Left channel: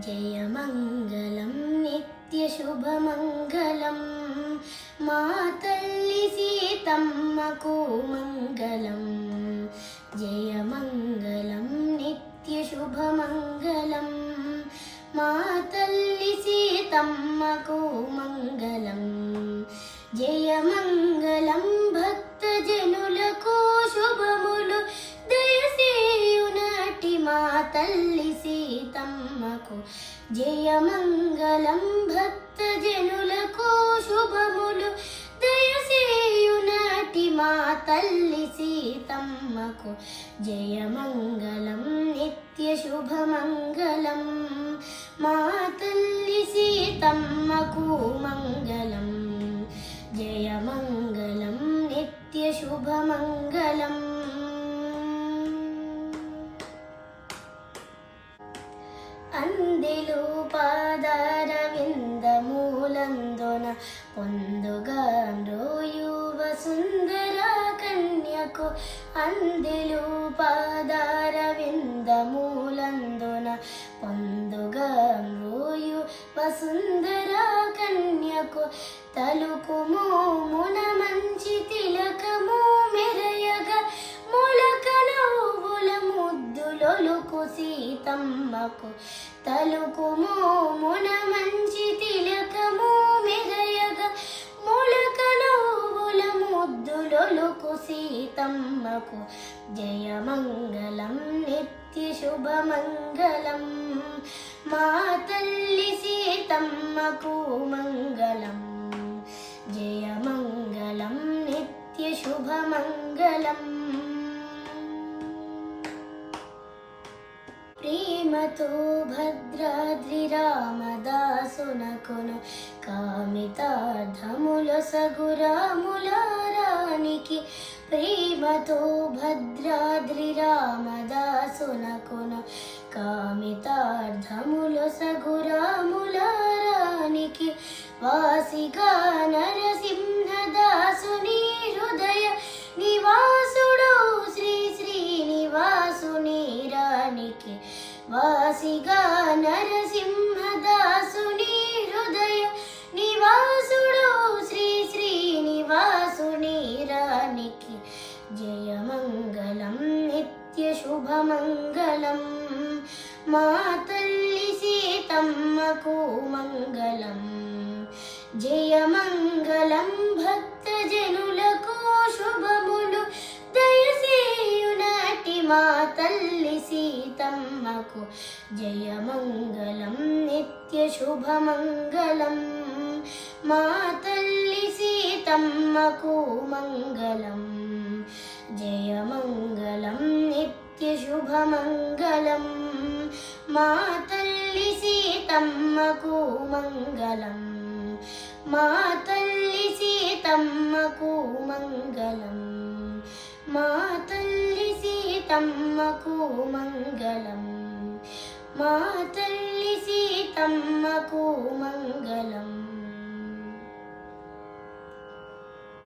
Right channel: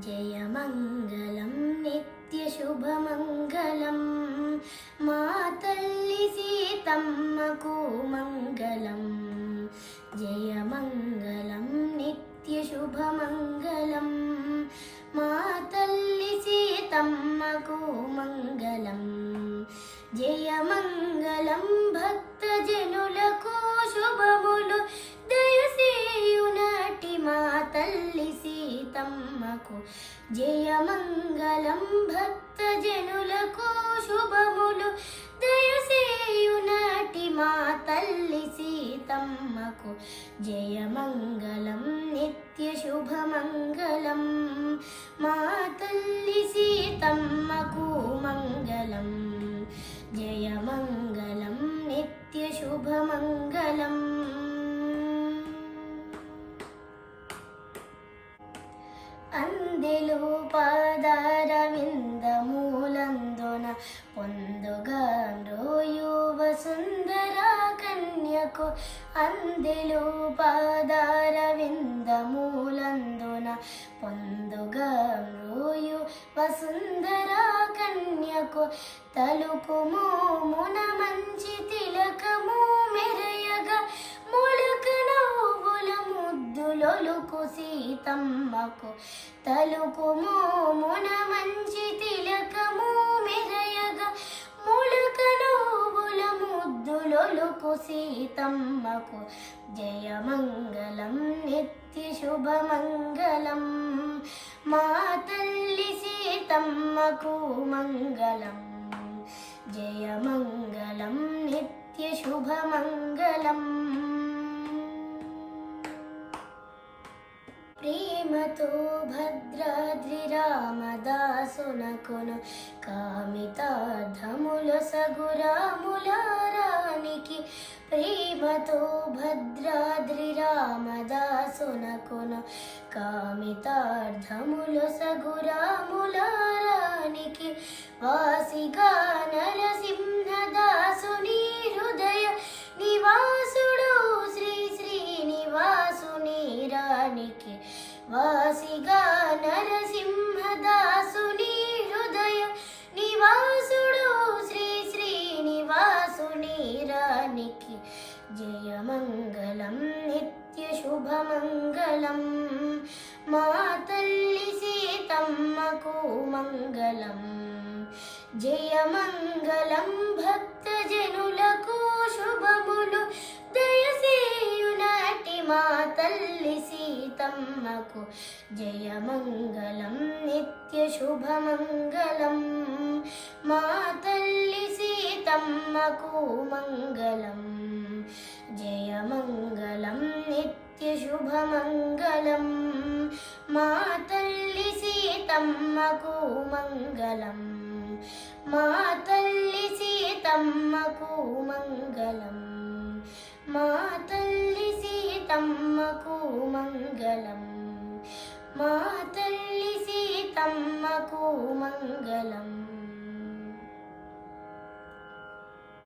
జయమంగళం నిత్యశుభమంగళం మా తల్లి సీతమ్మకు మంగళం. జయమంగళం నిత్యశుభమంగళం మా తల్లి సీతమ్మకు మంగళం. జయమంగళం భక్తజనులకు శుభములు దయసేయునటి మా తల్లి సీతమ్మకు. జయమంగళం భక్తజనులకు శుభములు దయసేయునటి మా తల్లి సీతమ్మకు. జయమంగళం నిత్యశుభమంగళం మా తల్లి సీతమ్మకు మంగళం. జయమంగళం నిత్యశుభమంగళం. అందెలు పాదారవిందమూలందున పొందుగాండ్రోయు వసుందర కన్యకు. అందెలు పాదారవిందమూలందున పొందుగాండ్రోయు వసుందర కన్యకు. తలుకుము మున మంచి తిలకము మెరయగా మొలకనవుల ముద్దులొలుకు సీతమ్మకు. తలుకుము మున మంచి తిలకము మెరయగా మొలకనవుల ముద్దులొలుకు సీతమ్మకు. జయమంగళం నిత్యశుభమంగళం మా తల్లి సీతమ్మకు మంగళం. జయమంగళం నిత్యశుభమంగళం. ప్రేమతో భద్రాద్రి రామదాసునకును కామితార్థముల సగురాములారానికి. ప్రేమతో భద్రాద్రి రామదాసునకును కామితార్థముల సగురాములారానికి. వాసిగా నరసింహదాసుని హృదయ నివాసుడు శ్రీ శ్రీనివాసుని రానికి. వాసిగా నరసింహదాసుని హృదయ నివాసుడు శ్రీ శ్రీనివాసుని రానికి. జయమంగళం నిత్యశుభమంగళం మా తల్లి సీతమ్మకు మంగళం. జయమంగళం భక్తజనులకు శుభములు దయసేయునటి మా తల్లి సీతమ్మకు. జయమంగళం నిత్యశుభమంగళం మా తల్లి సీతమ్మకు మంగళం. జయమంగళం నిత్యశుభమంగళం మా తల్లి సీతమ్మకు మంగళం. మా తల్లి సీతమ్మకు మంగళం. మా తల్లి సీతమ్మకు మంగళం. మా తల్లి సీతమ్మకు మంగళం.